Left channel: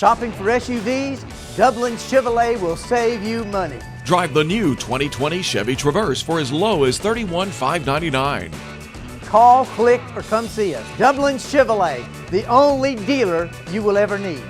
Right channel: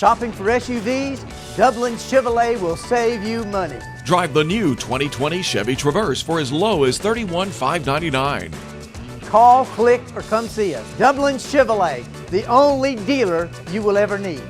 Shopping for SUVs? Dublin Chevrolet will save you money. Drive the new 2020 Chevy Traverse for as low as $31,599. Call, click, or come see us. Dublin Chevrolet, the only dealer you will ever need.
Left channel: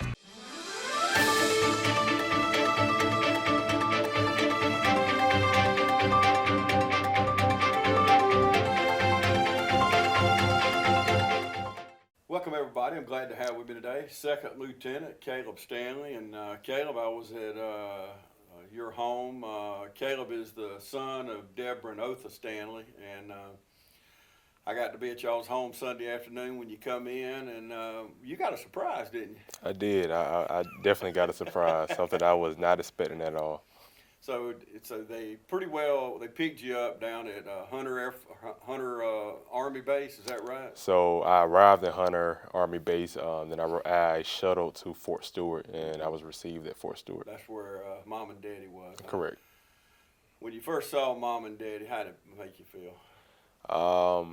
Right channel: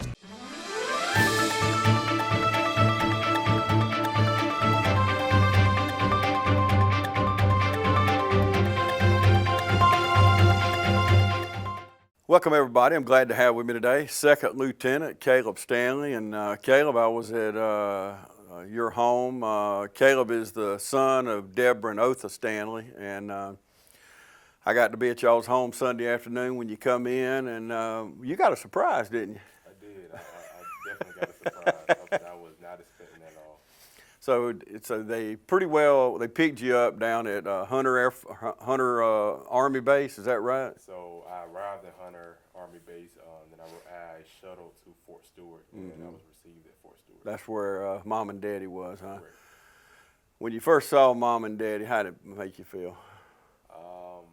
Welcome everybody. I'm glad to have with me today Second Lieutenant Kaleeb Stanley. And Kaleeb, I was at your home. Kaleeb is the son of Deborah and Otha Stanley, and I got to be at y'all's home Sunday afternoon when you come in, and you got a surprise, didn't you? I did. I definitely got a surprise, something I was not expecting at all. So they picked you up down at Hunter Army Base. Is that right? So I arrived at Hunter Army Base. Then I shuttled to Fort Stewart, and I was received at Fort Stewart. That's where Mom and Daddy was, huh? Correct. When you first saw Mom and Daddy, how did it make you feel? I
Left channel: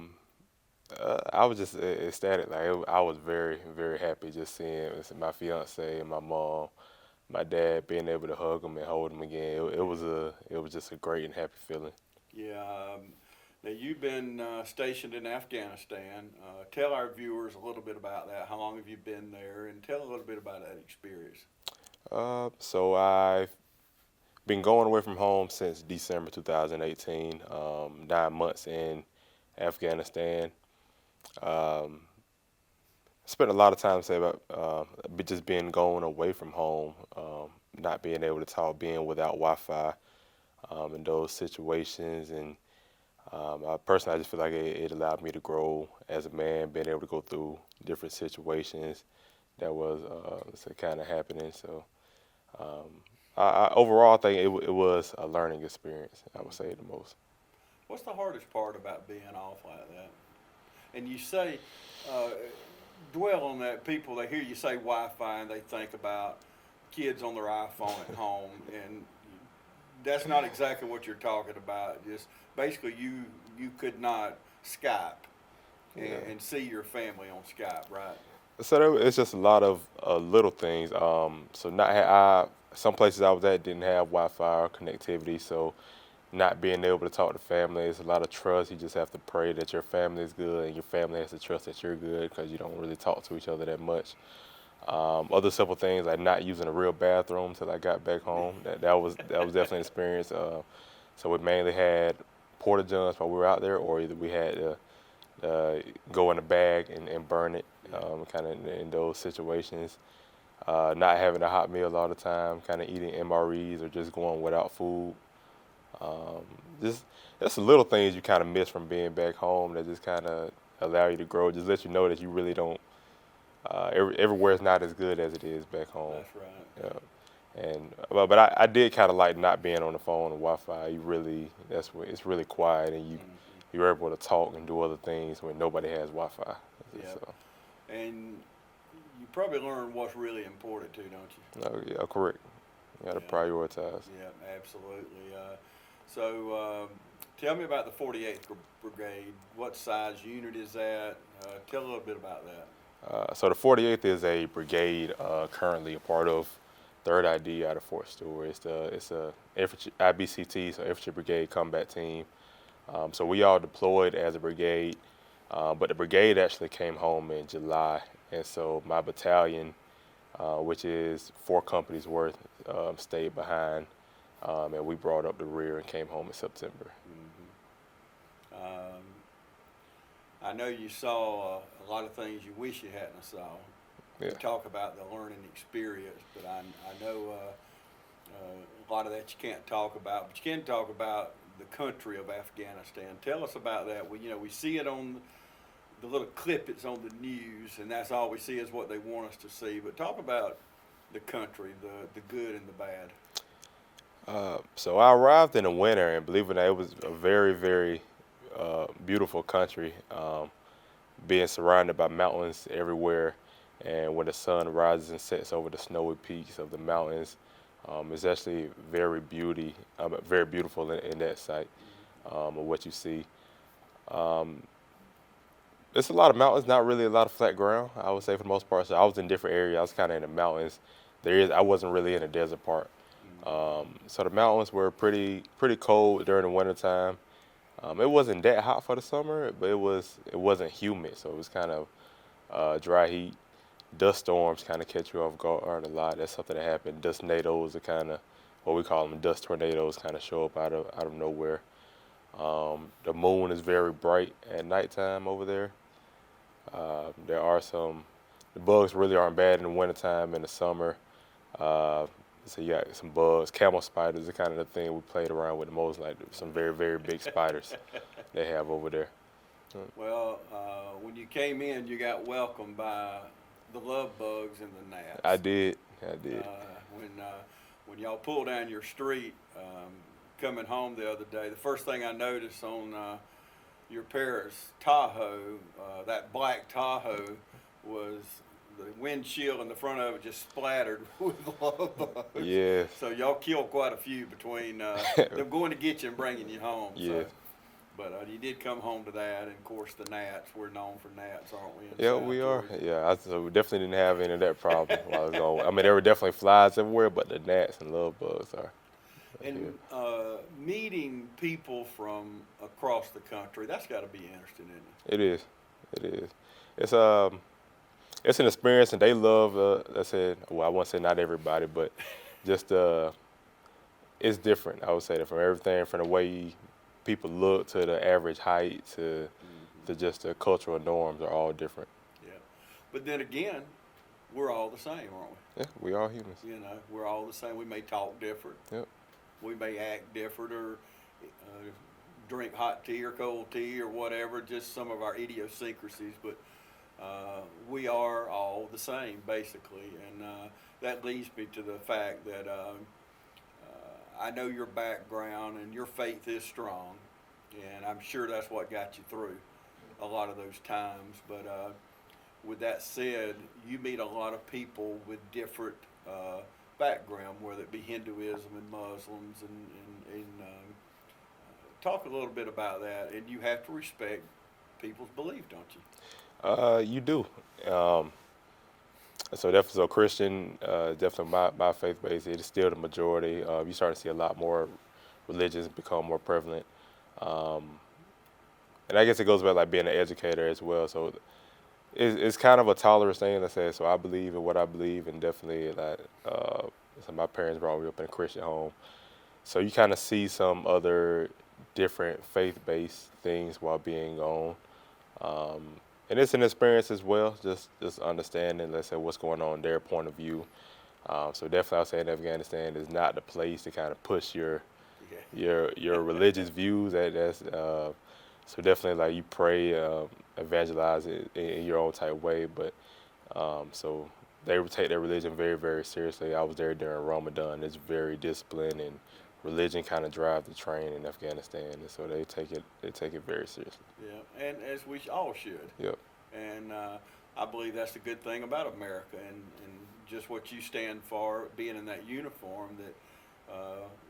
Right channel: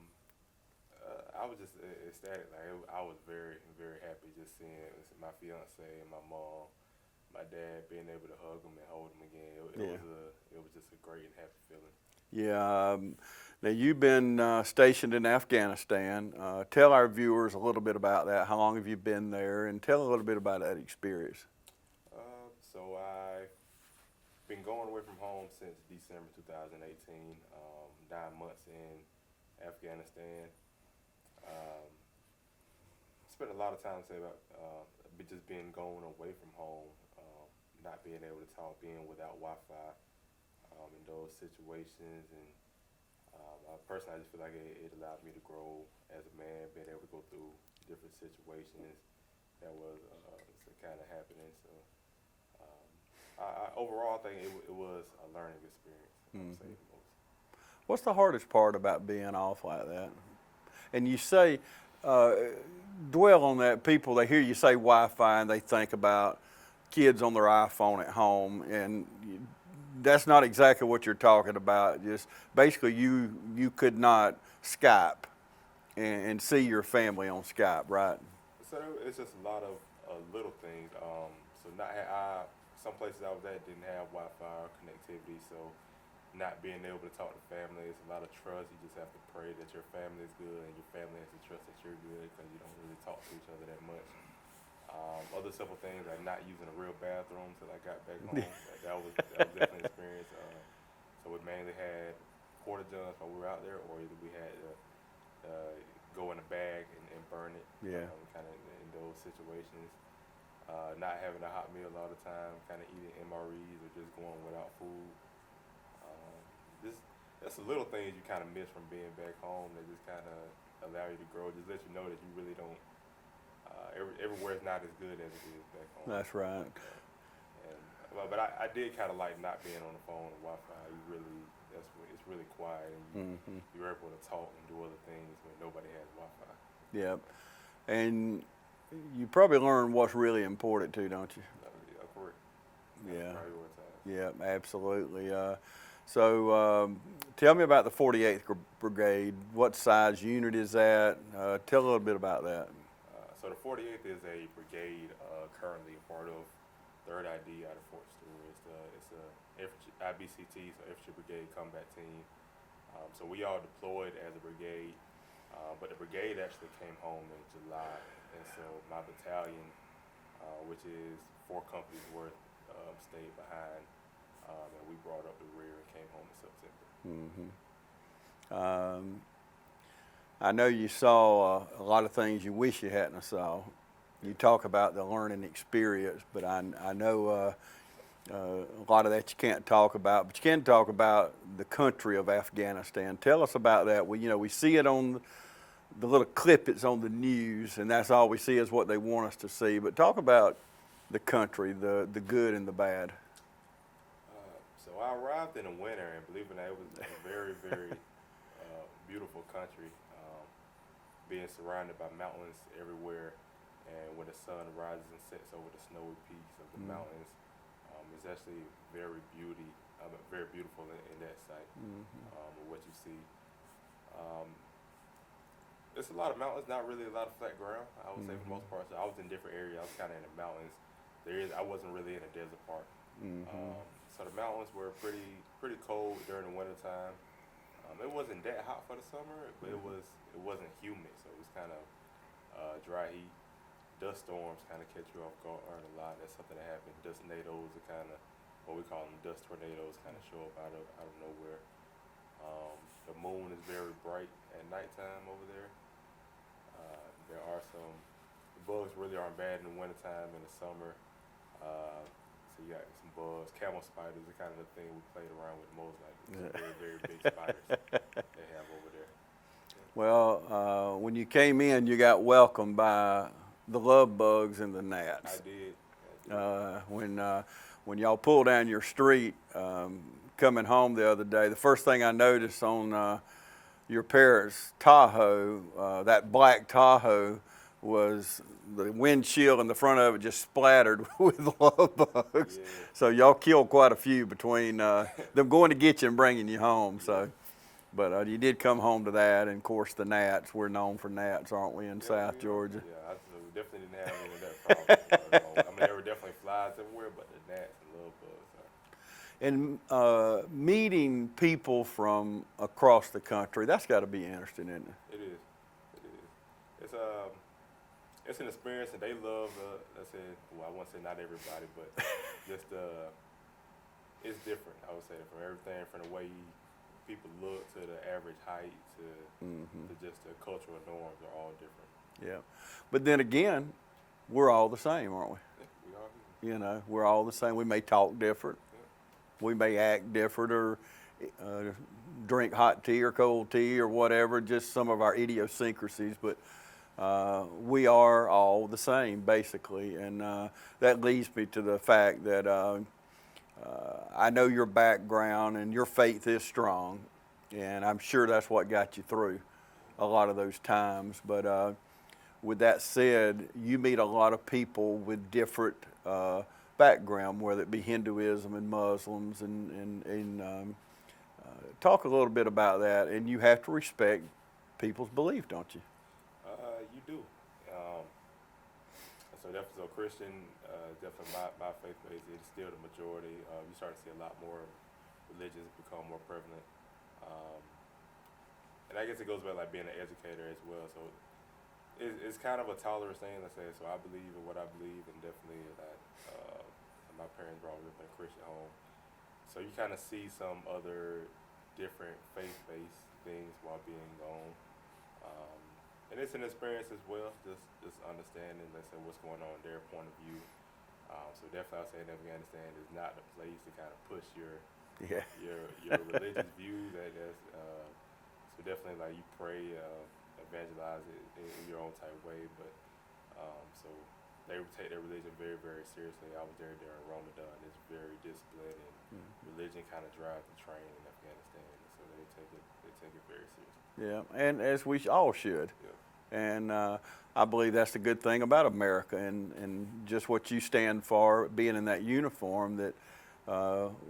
was just ecstatic. I was very, very happy just seeing my fiance and my mom, my dad, being able to hug them and hold them again. It was just a great and happy feeling. Yeah. Now you've been stationed in Afghanistan. Tell our viewers a little bit about that. How long have you been there? And tell a little bit about that experience. So I've been going away from home since December 2018. 9 months in Afghanistan. Spent a lot of time about just being going away from home, not being able to talk, being without Wi-Fi in those situations. And personally, I just feel like it allowed me to grow as a man, being able to go through different situations that was kind of happening. So overall, I think it was a learning experience, I would say the most. What's the hardest part about being off like that? And you say, dwell on that. People, they hear you say Wi-Fi and they think about kids on their iPhone at home, and that's not exactly what you're talking about. Just basically you could not Skype and see your family on Skype, right? So it's just a lot of little things. So some places I was at didn't have Wi-Fi or connectivity, so not being able to talk to family, it's a lot of trust. You just have to pray that your family is good, and your family has to trust that you're good, because you don't really talk to each other that much. Other simple things like not using a real bathroom till I got back home. That was definitely an experience. So we mainly had porta johns while we were out there, or either we had to go in a bag and burn it, kind of in those situations. Not having a hot meal all the time, kind of eating MREs or just going without food. Just little things you kind of miss from being back home that just kind of allow you to grow. Just let you know that you really don't. Everywhere is not as good as it is back home. That's right. But I did kind of like not being on the phone and Wi-Fi. It's really quiet, and you're able to talk and do other things when nobody has Wi-Fi. Yeah. So. And you probably learn what's really important too, don't you? Oh, yeah, correct. You got to prioritize. Yeah, absolutely. So tell me about the 48th Brigade. What size unit is that? Tell a little bit about that. So the 48th is a brigade currently a part of 3rd ID out of Fort Stewart. It's a infantry, IBCT, so Infantry Brigade Combat Team. So we all deployed as a brigade, but the brigade actually came home in July, and so my battalion, which is 4 companies worth, stayed behind. And we brought up the rear and came home in September. I know you saw a lot of things you wish you hadn't saw. Yeah. You talk about the learning experience, but I know a lot of that you can't talk about. But you can talk about the country of Afghanistan. Tell us about that. We see it on the little clip. It's on the news, and that's all we see is what they want us to see. But talk about the country, the good and the bad. So I arrived in the winter, and believe it or not, it was a very, very beautiful country, being surrounded by mountains everywhere, and when the sun rises and sets over the snowy peaks of the mountains, it's actually very beautiful in that sight of what you see. There's a lot of mountains, not really a lot of flat ground, I would say, for the most part. So I was in different areas. I was kind of in the mountains, I wasn't really in the desert part. So the mountains were pretty cold during the wintertime. It wasn't that hot for the summer, but it wasn't humid, so it was kind of dry heat. Dust storms kind of catch you off guard a lot. That's something that happened. Dust tornadoes are kind of what we call them. Dust tornadoes kind of show up out of nowhere. The moon is very bright at nighttime over there. There are the bugs really aren't bad in the wintertime. In the summer, so you got some bugs. Camel spiders are kind of the thing we played around with the most, like some very, very big spiders they have over there. Well, when you came in, you got welcomed by the love bugs and the gnats. I did. When y'all pulled down your street, coming home the other day, the first thing I noticed on your parents' Tahoe, that black Tahoe, was the windshield in the front of it just splattered with love bugs. Yeah. So y'all killed quite a few between them going to get you and bringing you home. Yeah. So, but you did come home to that, and of course the gnats. We're known for gnats, aren't we? In South Georgia? Yeah, so we definitely didn't have any of that problem while I was gone. I mean, there were definitely flies everywhere, but the gnats and love bugs are. And meeting people from across the country, that's got to be interesting, isn't it? It is. It is. It's an experience, and they love. I said, well, I won't say not everybody, but just it's different. I would say that from everything from the way people look to the average height to just the cultural norms are all different. Yeah, but then again, we're all the same, aren't we? Yeah, we are humans. You know, we're all the same. We may talk different. Yep. We may act different or drink hot tea or cold tea or whatever, just some of our idiosyncrasies, but we are all the same, basically. And that leads me to the fact that I know your background and your faith is strong, and I'm sure that's what got you through a lot of those times. But with that said, you meet a lot of people with different background, whether it be Hinduism and Muslims, and talk a little bit about that. And you have to respect people's belief, don't you? You do. So definitely, so Christian, definitely my faith base, it is still the majority. You start to see a lot more religions become more prevalent. And I guess it goes back like being an educator as well. So it's kind of a tolerance thing, let's say. So I believe in what I believe, and definitely that. So my parents brought me up in a Christian home, so you kind of see some other different faith-based things while being gone, and it's an experience as well. Just understanding, let's say, what's going on, their point of view. So definitely, I'll say in Afghanistan is not the place to kind of push your religious views. That's so definitely like you pray, evangelize it in your own type way, but so they would take their religion very, very seriously. I was there during Ramadan. It's very disciplined, and religion kind of drives the train in Afghanistan, and so they take it very seriously. Yeah, and as we all should. Yep. And I believe that's the good thing about America, and just what you stand for, being in that uniform, that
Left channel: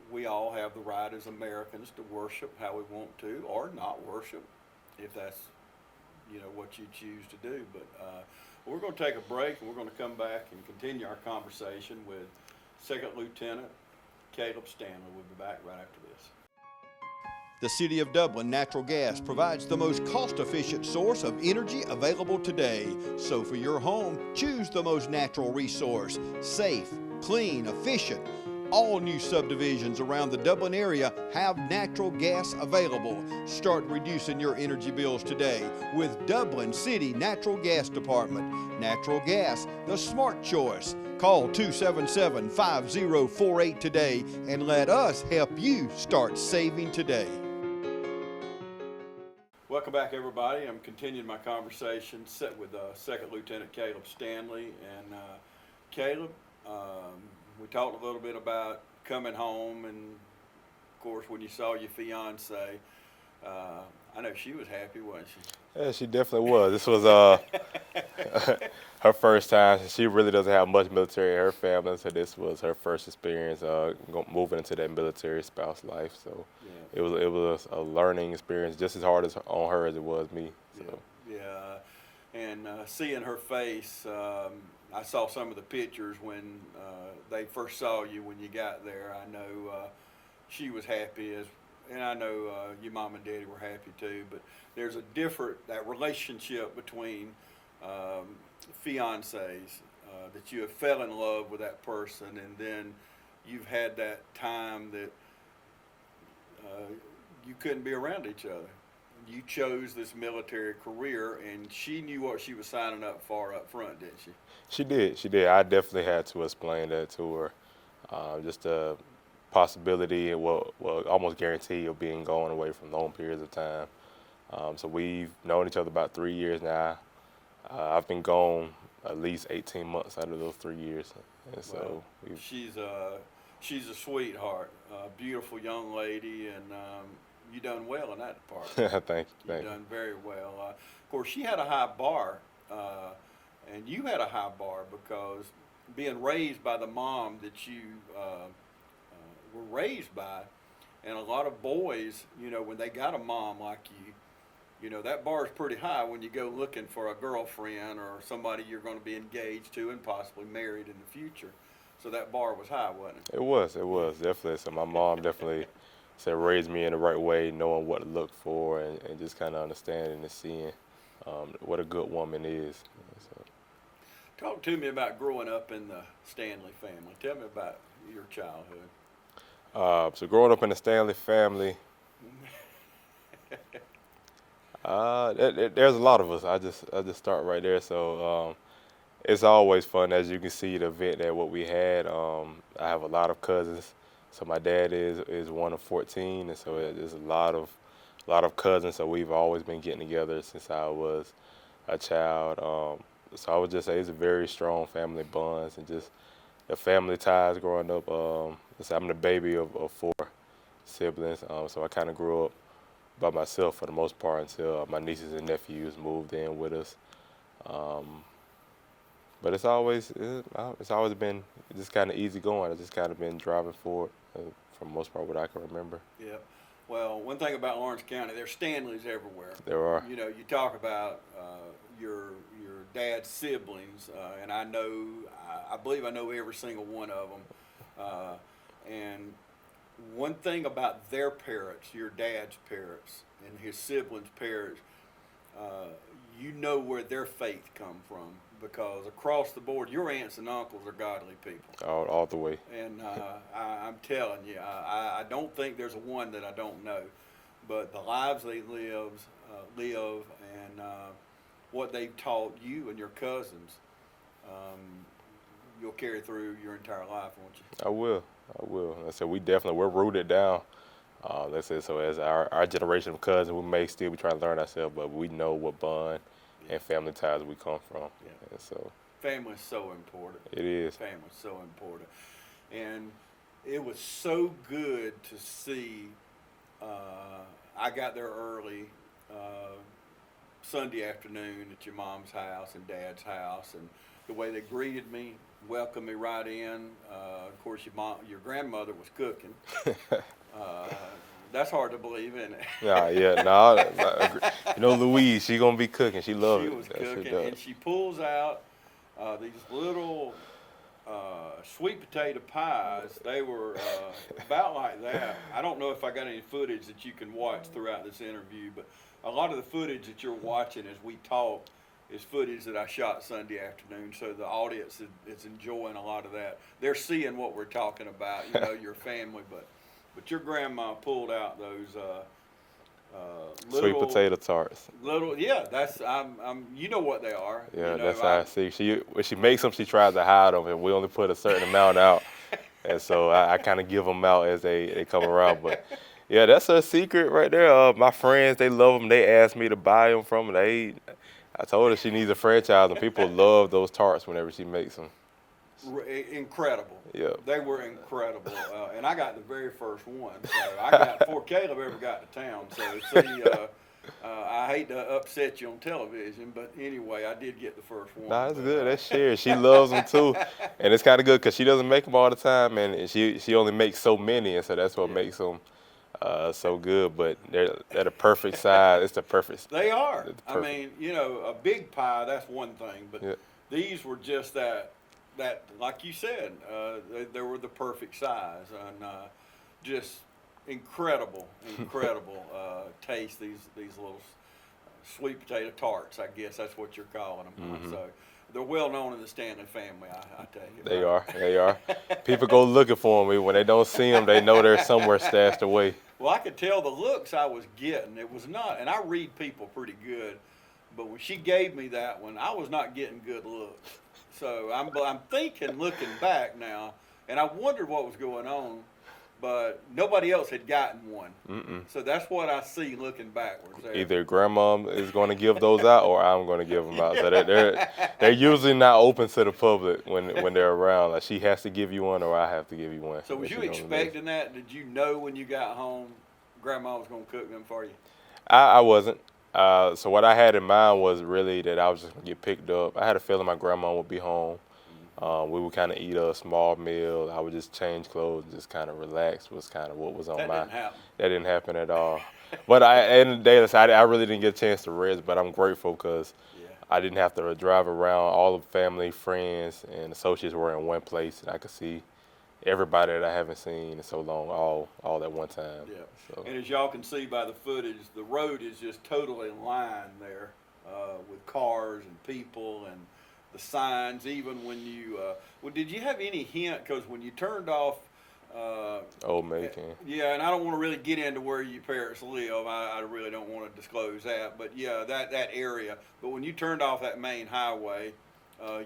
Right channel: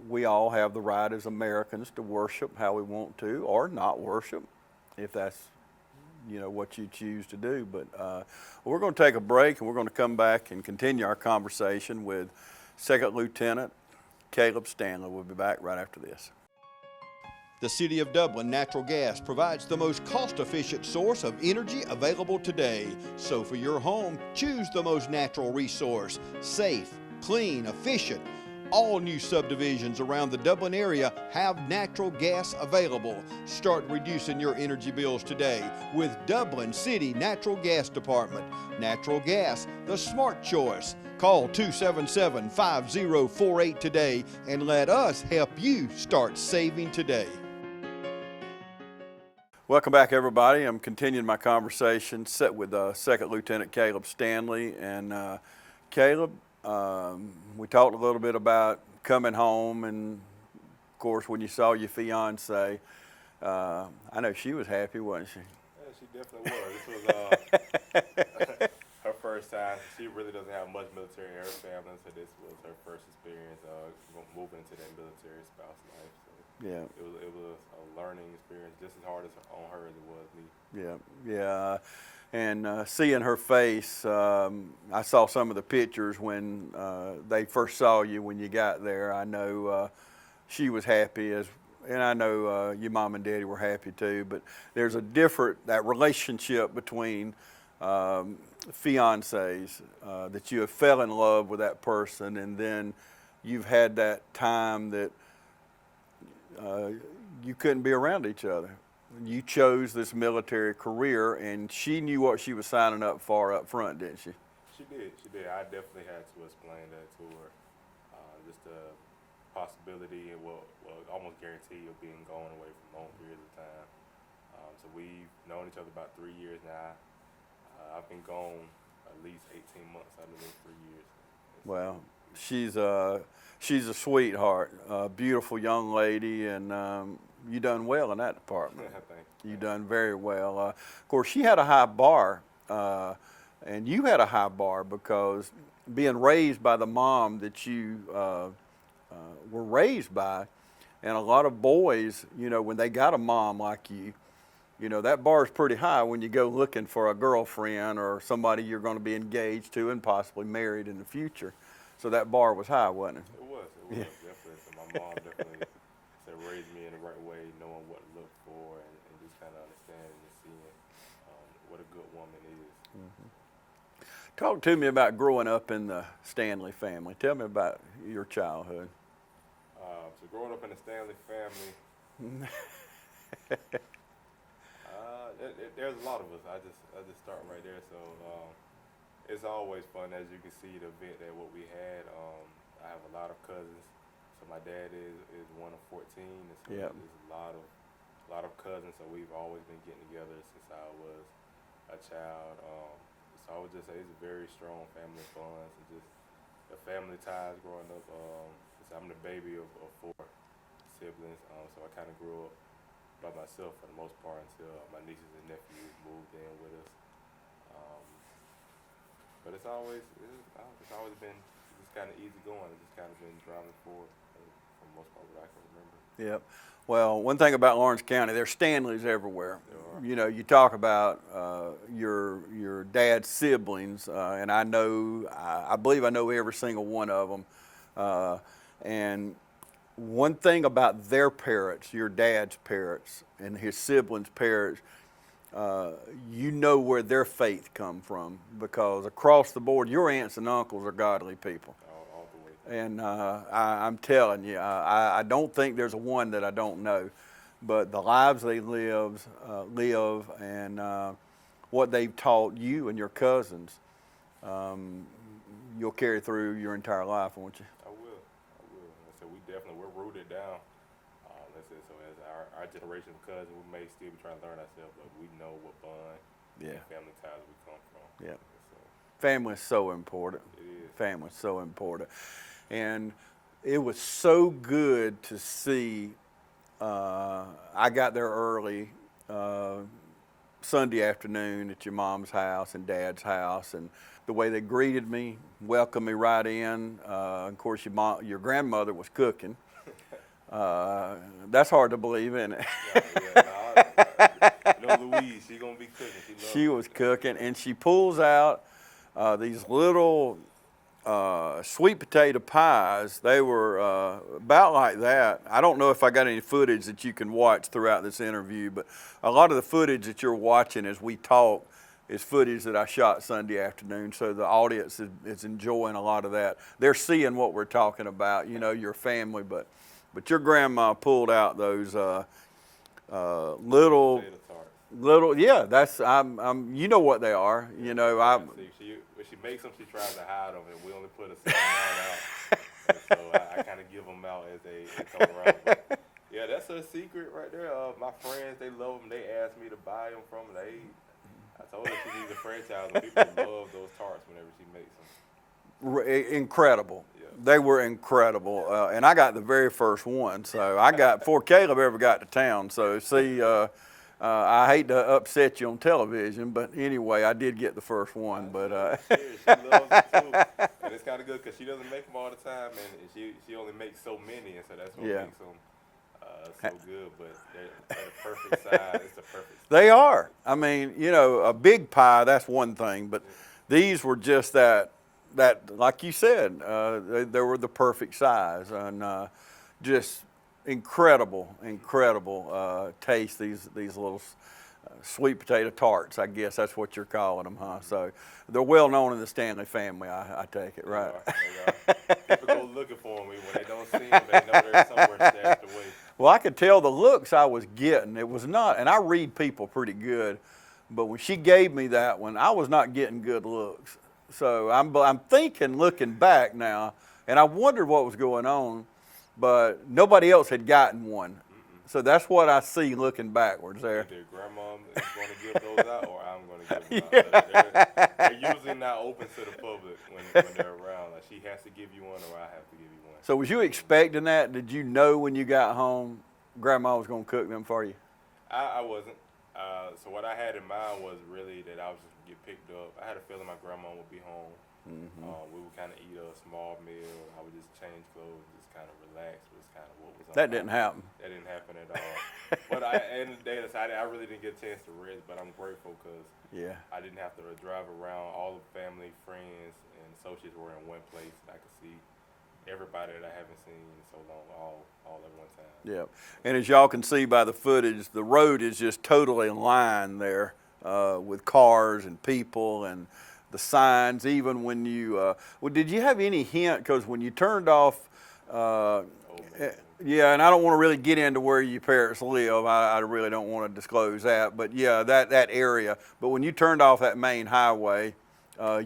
we all have the right as Americans to worship how we want to, or not worship, if that's what you choose to do. But we're going to take a break, and we're going to come back and continue our conversation with Second Lieutenant Kaleeb Stanley. We'll be back right after this. The City of Dublin Natural Gas provides the most cost-efficient source of energy available today. So for your home, choose the most natural resource. Safe, clean, efficient. All new subdivisions around the Dublin area have natural gas available. Start reducing your energy bills today with Dublin City Natural Gas Department. Natural gas, the smart choice. Call 277-5048 today and let us help you start saving today. Welcome back, everybody. I'm continuing my conversation set with Second Lieutenant Kaleeb Stanley. And Kaleeb, we talked a little bit about coming home, and of course, when you saw your fiance, I know she was happy, wasn't she? Yeah, she definitely was. This was her first time. She really doesn't have much military in her family, so this was her first experience moving into that military spouse life. So yeah, it was a learning experience, just as hard on her as it was me. Yeah, yeah. And seeing her face, I saw some of the pictures when they first saw you when you got there. I know she was happy, and I know your mom and daddy were happy too. But there's that relationship between fiancés, that you have fell in love with that person, and then you've had that time that you couldn't be around each other. You chose this military career, and she knew what she was signing up for up front, didn't she? She did. She did. I definitely had to explain that to her. Just the possibility, well, almost guarantee of being gone away from long periods of time. So we've known each other about 3 years now. I've been gone at least 18 months out of those 3 years. And Well, so she's a sweetheart, a beautiful young lady, and you done well in that department. Thank you. You done very well. Of course, she had a high bar, and you had a high bar because being raised by the mom that you were raised by, and a lot of boys, you know, when they got a mom like you know, that bar is pretty high when you go looking for a girlfriend or somebody you're going to be engaged to and possibly married in the future. So that bar was high, wasn't it? It was, definitely. So my mom definitely said raised me in the right way, knowing what to look for, and just kind of understanding and seeing what a good woman is. So. Talk to me about growing up in the Stanley family. Tell me about your childhood. So growing up in the Stanley family, there's a lot of us. I just start right there. So it's always fun, as you can see, the event that what we had. I have a lot of cousins. So my dad is one of 14, and so there's a lot of cousins. So we've always been getting together since I was a child. So I would just say it's a very strong family bonds, and just the family ties growing up. So I'm the baby of 4 siblings, so I kind of grew up by myself for the most part until my nieces and nephews moved in with us. But it's always been just kind of easy going. I've just kind of been driving forward for the most part what I can remember. Yep. Well, one thing about Lawrence County, there's Stanleys everywhere. There are. You know, you talk about your dad's siblings, and I believe I know every single one of them. And one thing about their parents, your dad's parents and his siblings' parents, you know where their faith come from, because across the board, your aunts and uncles are godly people. All the way. And I'm telling you, I don't think there's one that I don't know, but the lives they live, and what they've taught you and your cousins, you'll carry through your entire life, won't you? I will. I said we're rooted down. Let's say, so as our generation of cousins, we may still be trying to learn ourselves, but we know what bond and family ties we come from. Yeah. And so family is so important. It is. Family is so important. And it was so good to see. I got there early Sunday afternoon at your mom's house and dad's house, and the way they greeted me, welcomed me right in. Of course, your grandmother was cooking. That's hard to believe, isn't it? No. You know, Louise, she gonna be cooking. She loves. She was cooking, and she pulls out these little sweet potato pies. They were about like that. I don't know if I got any footage that you can watch throughout this interview, but a lot of the footage that you're watching as we talk is footage that I shot Sunday afternoon, so the audience is enjoying a lot of that. They're seeing what we're talking about, you know, your family, but your grandma pulled out those little sweet potato tarts. That's you know what they are. Yeah, you know, see, when she makes them, she tries to hide them, and we only put a certain amount out, and so I kind of give them out as they come around. But yeah, that's her secret right there. My friends, they love them. They ask me to buy them from them. I told her she needs a franchise, and people love those tarts whenever she makes them. Incredible. Yeah. They were incredible. And I got the very first one. So I got before Caleb ever got to town. So see, I hate to upset you on television, but anyway, I did get the first one. That's good. That's shared. She loves them too. And it's kind of good because she doesn't make them all the time, and she only makes so many, and so that's what makes them So good, but they're the perfect size. It's the perfect. They are. It's I perfect. mean, you know, a big pie, that's one thing, but Yeah. these were just that like you said, they were the perfect size, and just incredible taste. These little sweet potato tarts, I guess that's what you're calling them, huh? So they're well known in the Stanley family, I take it. They right? are. They are. People go looking for them. When they don't see them, they know they're somewhere stashed away. Well, I could tell the looks I was getting. It was not, and I read people pretty good, but when she gave me that one, I was not getting good looks. So I'm thinking, looking back now, and I wondered what was going on, but nobody else had gotten one. So that's what I see looking backwards there. Either grandma is going to give those out, or I'm going to give them out. So they're usually not open to the public when they're around. Like, she has to give you one, or I have to give you one. So was She you don't expecting that? Did you know when you got home, Grandma was going to cook them for you? I wasn't. So what I had in mind was really that I was just going to get picked up. I had a feeling my grandma would be home. We would kind of eat a small meal. I would just change clothes, just kind of relax. Was kind of what was on That my. didn't happen. That didn't happen at all. But at the end of the day, I really didn't get a chance to rest. But I'm grateful because Yeah. I didn't have to drive around. All the family, friends, and associates were in one place, and I could see everybody that I haven't seen in so long, all at one time. Yeah. So, And as y'all can see by the footage, the road is just totally lined there with cars and people and the signs. Even when you, well, did you have any hint? Because when you turned off, Old Maid. yeah, and I don't want to really get into where your parents live. I really don't want to disclose that. But yeah, that area. But when you turned off that main highway,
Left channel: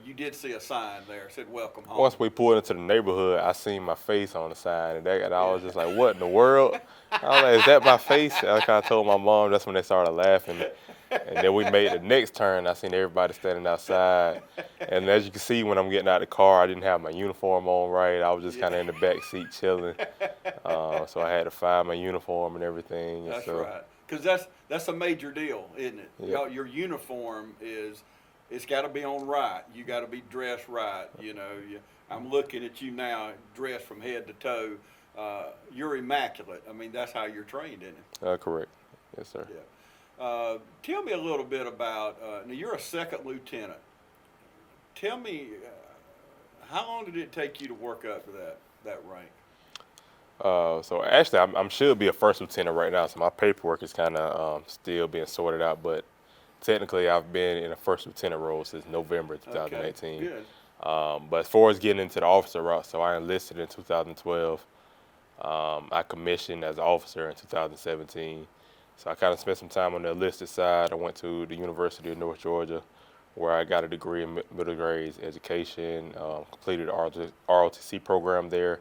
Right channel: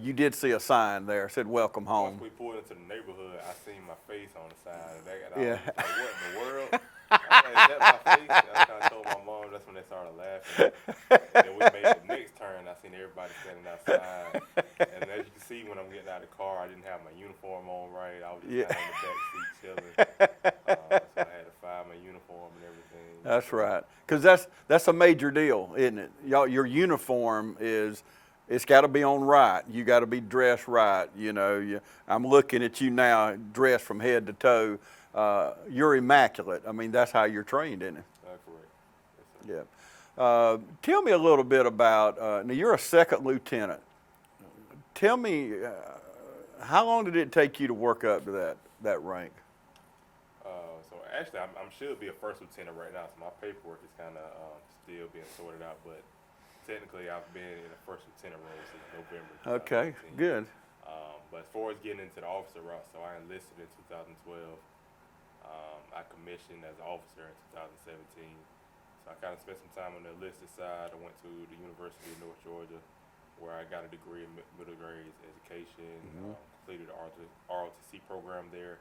you did see a sign there said "Welcome Home." Once we pulled into the neighborhood, I seen my face on the sign, and I was Yeah. just like, "What in the world?" I was like, "Is that my face?" And I kind of told my mom. That's when they started laughing. And then we made the next turn. I seen everybody standing outside, and as you can see, when I'm getting out of the car, I didn't have my uniform on right. I was just kind of in the back seat chilling. So I had to find my uniform and everything. That's So, right. Because that's a major deal, isn't it? Y'all, your uniform is. It's got to be on right. You got to be dressed right. You know, I'm looking at you now, dressed from head to toe. You're immaculate. I mean, that's how you're trained, isn't it? Correct. Yes, sir. Yeah. Tell me a little bit about. Now, you're a second lieutenant. Tell me, how long did it take you to work up to that rank? So actually, I'm should be a first lieutenant right now. So my paperwork is kind of still being sorted out, but technically, I've been in a first lieutenant role since November 2018. Okay, good. But as far as getting into the officer route, so I enlisted in 2012. I commissioned as an officer in 2017. So I kind of spent some time on the enlisted side. I went to the University of North Georgia, where I got a degree in middle grades education, completed the ROTC program there,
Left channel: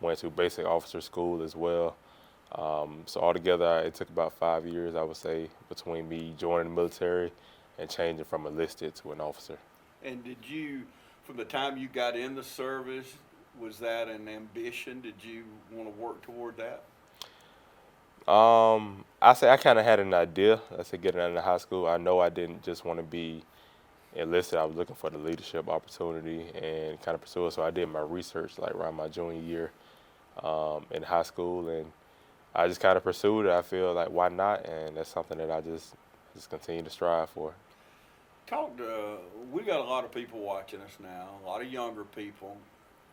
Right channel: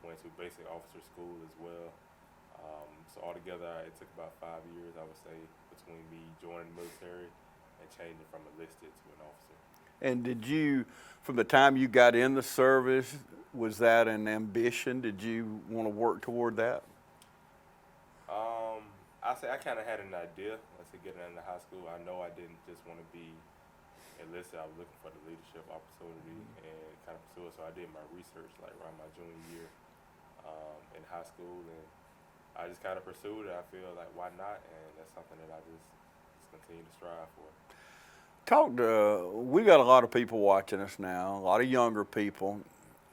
went to basic officer school as well. So altogether, it took about 5 years, I would say, between me joining the military and changing from enlisted to an officer. And did you, from the time you got in the service, was that an ambition? Did you want to work toward that? I say I kind of had an idea. I said getting out of high school, I know I didn't just want to be enlisted. I was looking for the leadership opportunity and kind of pursue it. So I did my research like around my junior year in high school, and I just kind of pursued it. I feel like, why not? And that's something that I just continue to strive for. We got a lot of people watching us now, a lot of younger people,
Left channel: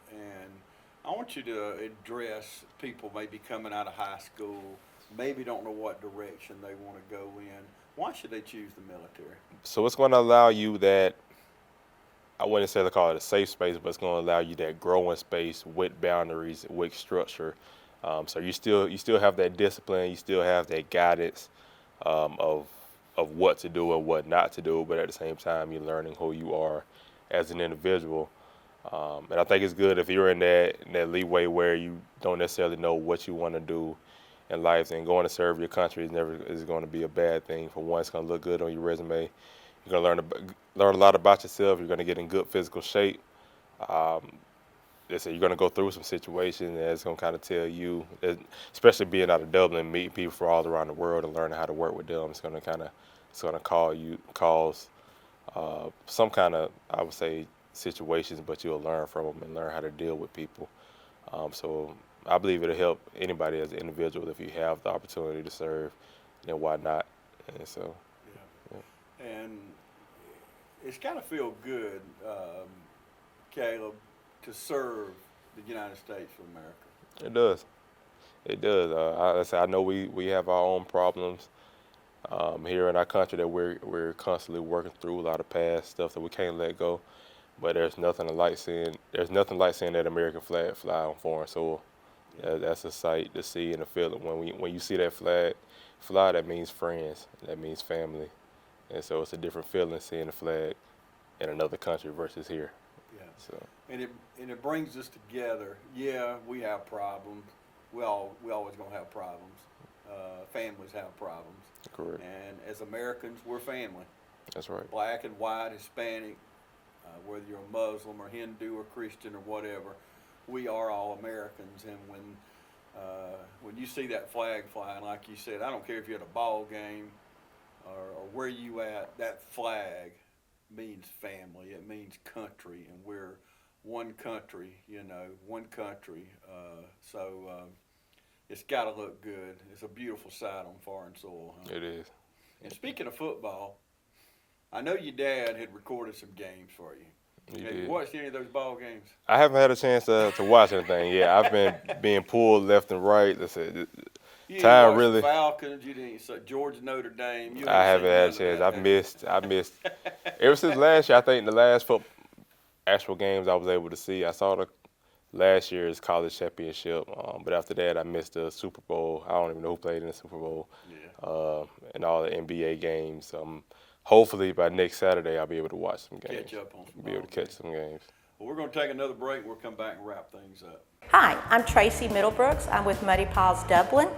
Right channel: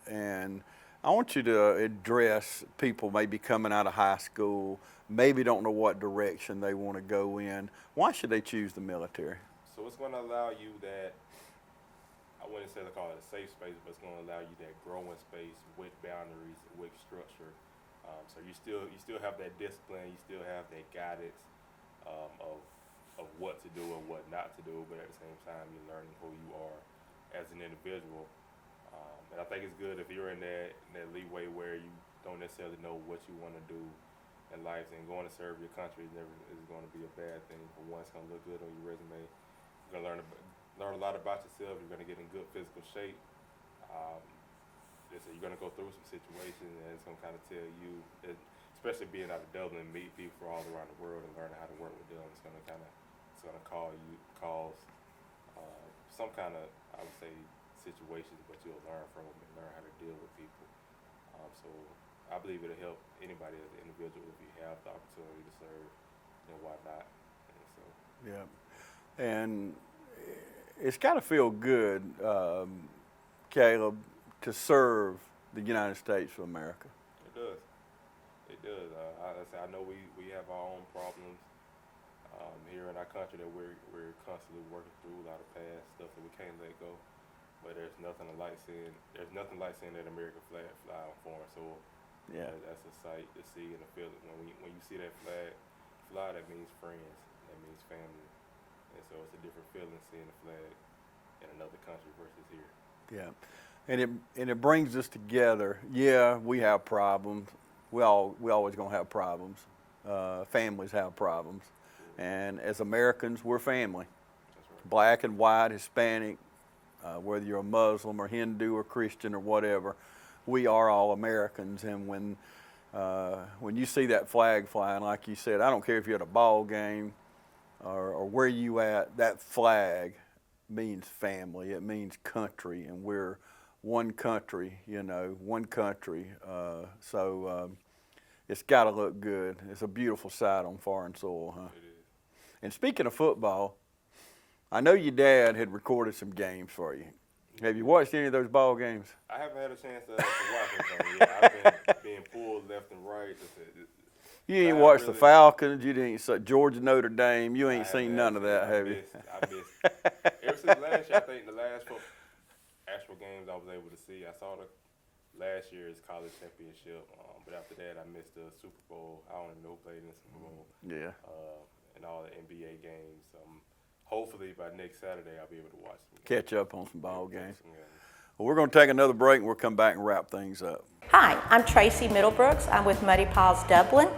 and I want you to address people maybe coming out of high school, maybe don't know what direction they want to go in. Why should they choose the military? So it's going to allow you that, I wouldn't necessarily call it a safe space, but it's going to allow you that growing space with boundaries, with structure. So you still have that discipline, you still have that guidance of what to do and what not to do, but at the same time you're learning who you are as an individual. And I think it's good if you're in that leeway where you don't necessarily know what you want to do in life, and going to serve your country is going to be a bad thing. For one, it's going to look good on your resume. You're going to learn a lot about yourself. You're going to get in good physical shape. You're going to go through some situations, and it's going to kind of tell you, especially being out of Dublin, meeting people from all around the world and learning how to work with them. It's going to cause some kind of, I would say, situations, but you'll learn from them and learn how to deal with people. So I believe it'll help anybody as an individual. If you have the opportunity to serve, then why not? And so, yeah. And it's got to feel good, Caleb, to serve the United States of America. it does. It does. I know we have our own problems here in our country that we're constantly working through, a lot of past stuff that we can't let go. But there's nothing like seeing that American flag fly on foreign soil. Yeah. That's a sight to see and to feel it. When you see that flag fly, that means friends, that means family, and so it's a different feeling seeing the flag in another country versus here. Yeah. So. And it brings us together. Yeah, we have problems. We always gonna have problems. Families have problems. Correct. And as Americans, we're family. That's right. Black and white, Hispanic, whether you're a Muslim or Hindu or Christian or whatever, we are all Americans. And when you see that flag flying, like you said, I don't care if you're at a ball game or where you at, that flag means family. It means country, and we're one country, one country. So it's got to look good. It's a beautiful sight on foreign soil, huh? It is. And speaking of football, I know your dad had recorded some games for you. Have you watched any of those ball games? I haven't had a chance to watch anything yet. I've been being pulled left and right. You didn't watch the Falcons. You didn't see Georgia, Notre Dame. You ain't seen none of that. I missed. Ever since last year, I think the last actual games I was able to see, I saw the last year's college championship. But after that, I missed the Super Bowl. I don't even know who played in the Super Bowl. Yeah. And all the NBA games. Hopefully by next Saturday, I'll be able to watch some games. Catch up on some ball games. Catch some games. Well, we're going to take another break, and we'll come back and wrap things up. Hi, I'm Tracy Middlebrooks. I'm with Muddy Paws Dublin.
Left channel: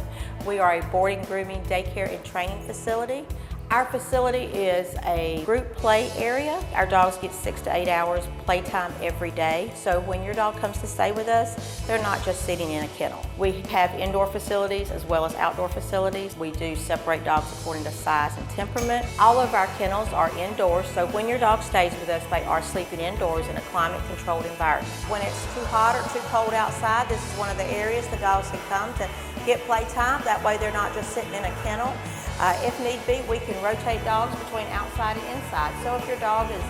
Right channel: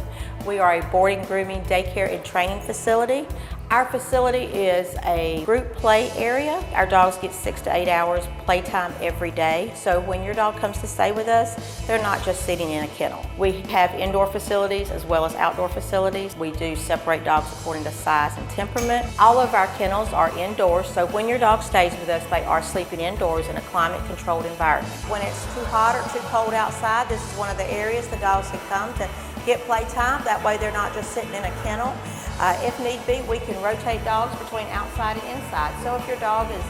We are a boarding, grooming, daycare, and training facility. Our facility is a group play area. Our dogs get 6 to 8 hours playtime every day. So when your dog comes to stay with us, they're not just sitting in a kennel. We have indoor facilities as well as outdoor facilities. We do separate dogs according to size and temperament. All of our kennels are indoors, so when your dog stays with us, they are sleeping indoors in a climate-controlled environment. When it's too hot or too cold outside, this is one of the areas the dogs can come to get playtime. That way they're not just sitting in a kennel. If need be, we can rotate dogs between outside and inside. So if your dog is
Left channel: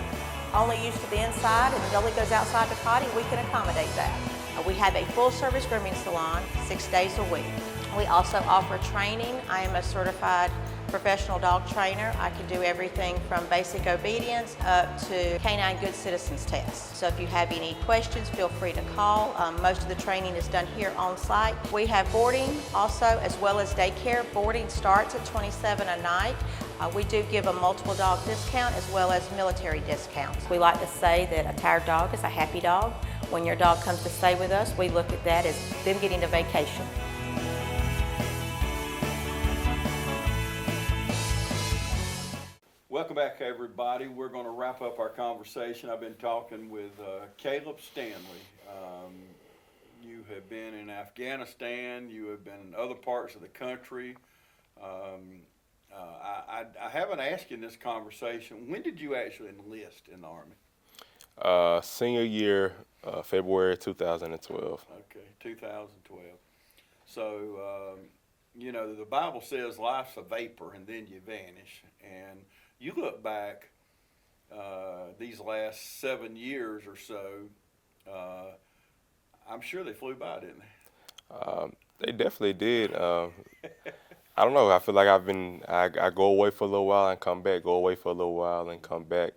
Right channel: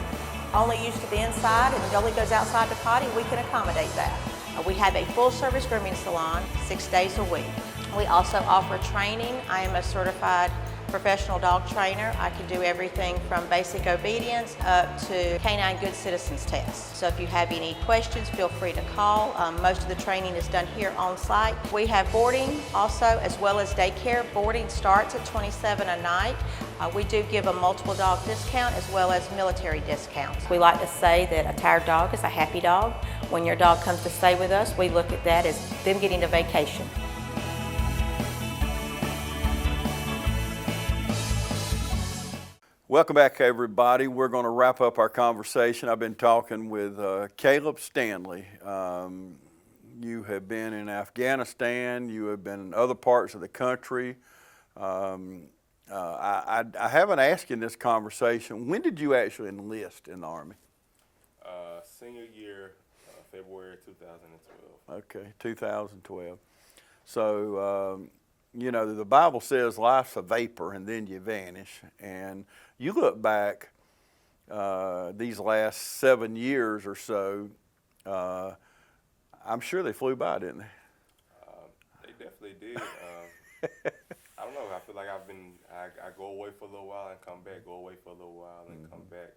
only used to the inside and only goes outside to potty, we can accommodate that. We have a full-service grooming salon 6 days a week. We also offer training. I am a certified professional dog trainer. I can do everything from basic obedience up to canine good citizens test. So if you have any questions, feel free to call. Most of the training is done here on site. We have boarding also, as well as daycare. Boarding starts at $27 a night. We do give a multiple dog discount as well as military discounts. We like to say that a tired dog is a happy dog. When your dog comes to stay with us, we look at that as them getting a vacation. Welcome back, everybody. We're going to wrap up our conversation. I've been talking with Kaleeb Stanley. You have been in Afghanistan. You have been in other parts of the country. I haven't asked you in this conversation, when did you actually enlist in the Army? Senior year, February 2012. Okay, 2012. So, the Bible says life's a vapor and then you vanish. And you look back these last 7 years or so, I'm sure they flew by, didn't they? They definitely did. I don't know. I feel like I go away for a little while and come back, go away for a little while and come back.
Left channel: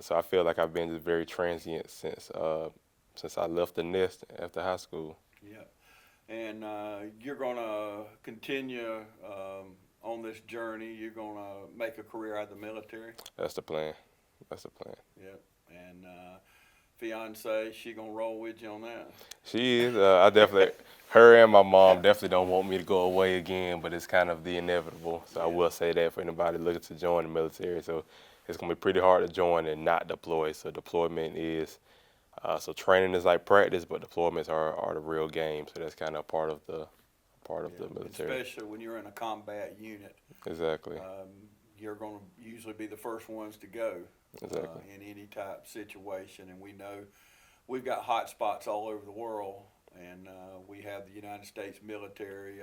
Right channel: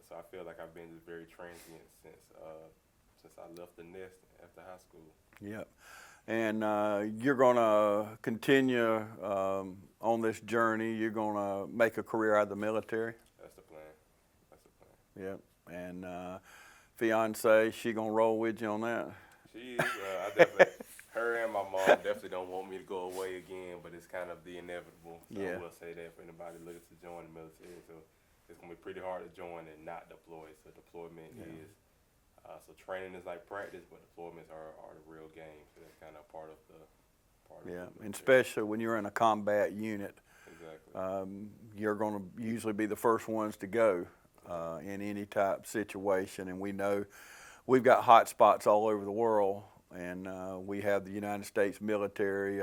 So I feel like I've been just very transient since I left the nest after high school. Yeah. And you're going to continue on this journey. You're going to make a career out of the military. That's the plan. Yeah. And fiance, she going to roll with you on that? She is. I definitely, her and my mom definitely don't want me to go away again, but it's kind of the inevitable. So yeah. I will say that for anybody looking to join the military. So it's going to be pretty hard to join and not deploy. So deployment is, so training is like practice, but deployments are the real game. So that's kind of part of the military. Especially when you're in a combat unit. Exactly. You're going to usually be the first ones to go in any type of situation. And we know we've got hot spots all over the world. and we have the United States military,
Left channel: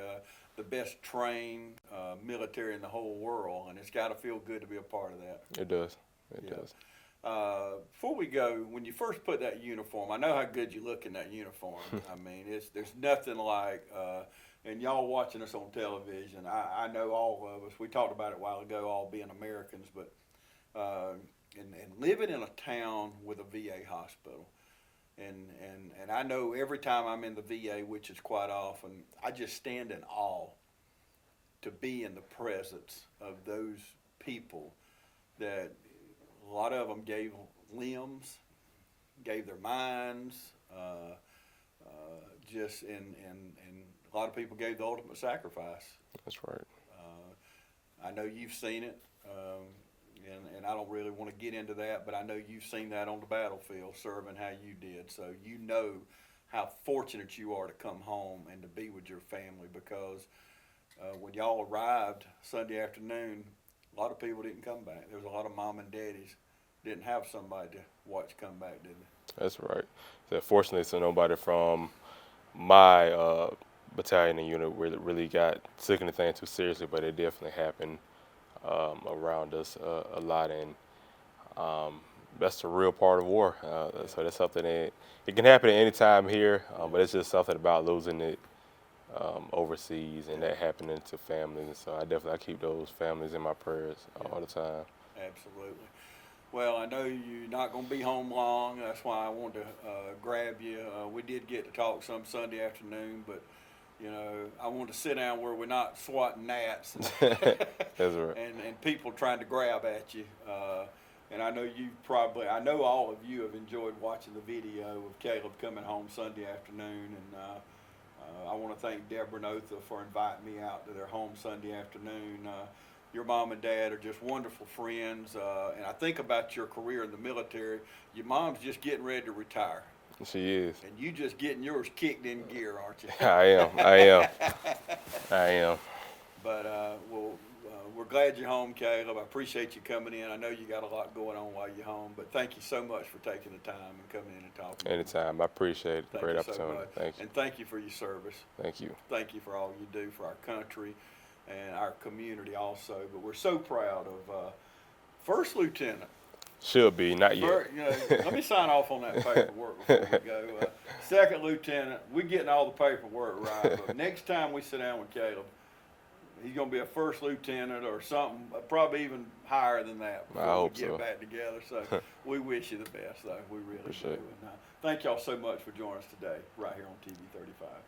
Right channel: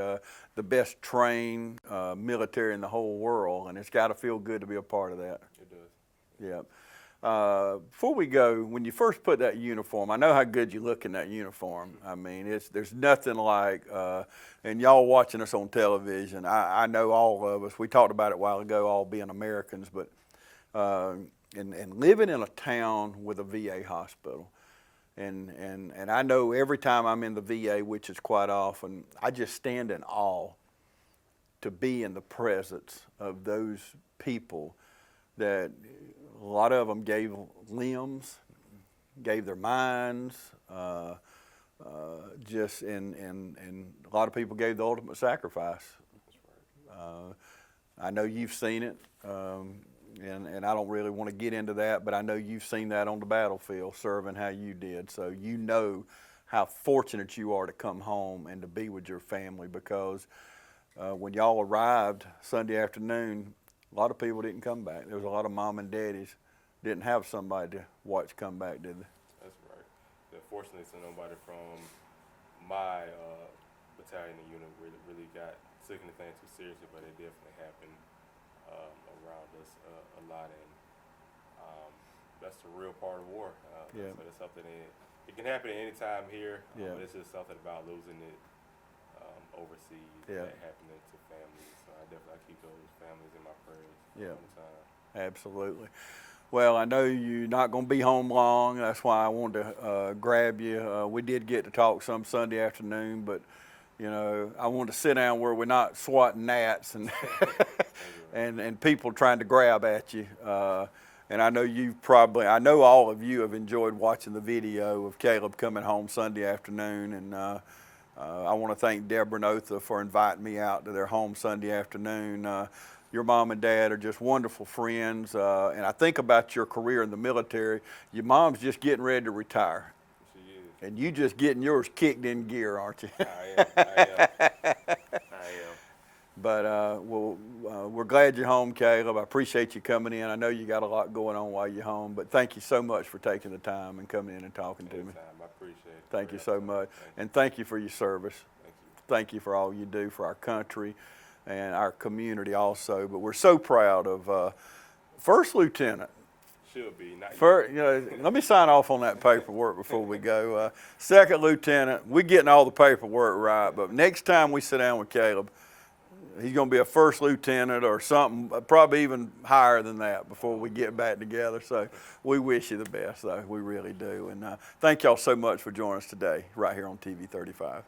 the best trained military in the whole world, and it's got to feel good to be a part of that. It does. It does. Before we go, when you first put that uniform, I know how good you look in that uniform. I mean, there's nothing like, and y'all watching us on television, I know all of us, we talked about it a while ago, all being Americans, but and living in a town with a VA hospital. And I know every time I'm in the VA, which is quite often, I just stand in awe to be in the presence of those people that a lot of them gave limbs, gave their minds, and a lot of people gave the ultimate sacrifice. That's right. I know you've seen it, and I don't really want to get into that, but I know you've seen that on the battlefield, serving how you did. So you know how fortunate you are to come home and to be with your family, because when y'all arrived Sunday afternoon, a lot of people didn't come back. There was a lot of mom and daddies didn't have somebody to watch come back, did they? That's right. So fortunately, so nobody from my battalion and unit really got took anything too seriously, but it definitely happened around us a lot, and that's the real part of war. So that's something that it can happen at any time here, but it's just something about losing it overseas and that happening to families. And so I keep those families in my prayers all the time. Absolutely. Well, I know you're not going to be home long. That's why I wanted to grab you. We did get to talk some Sunday afternoon, but you know, I wanted to sit down where we're not swatting gnats and That's right. and people trying to grab at you. And I know all of you have enjoyed watching the video of Kaleeb coming home Sunday afternoon, and I want to thank Deborah and Otha for inviting me out to their home Sunday afternoon. Your mom and dad are just wonderful friends, and I think about your career in the military. Your mom's just getting ready to retire. She is. And you just getting yours kicked in gear, aren't you? I am. But we're glad you're home, Kaleeb. I appreciate you coming in. I know you got a lot going on while you're home, but thank you so much for taking the time and coming in and talking to me. Anytime. I appreciate it. Thank Great you so opportunity. much. Thank you. And thank you for your service. Thank you. Thank you for all you do for our country and our community also. But we're so proud of First Lieutenant. Should be, not yet. You know, let me sign off on that paperwork before we go. Second Lieutenant, we're getting all the paperwork right, but next time we sit down with Kaleeb, he's going to be a First Lieutenant or something, probably even higher than that before we get back together. So we wish you the best, though. We really do. And thank y'all so much for joining us today right here on TV 35.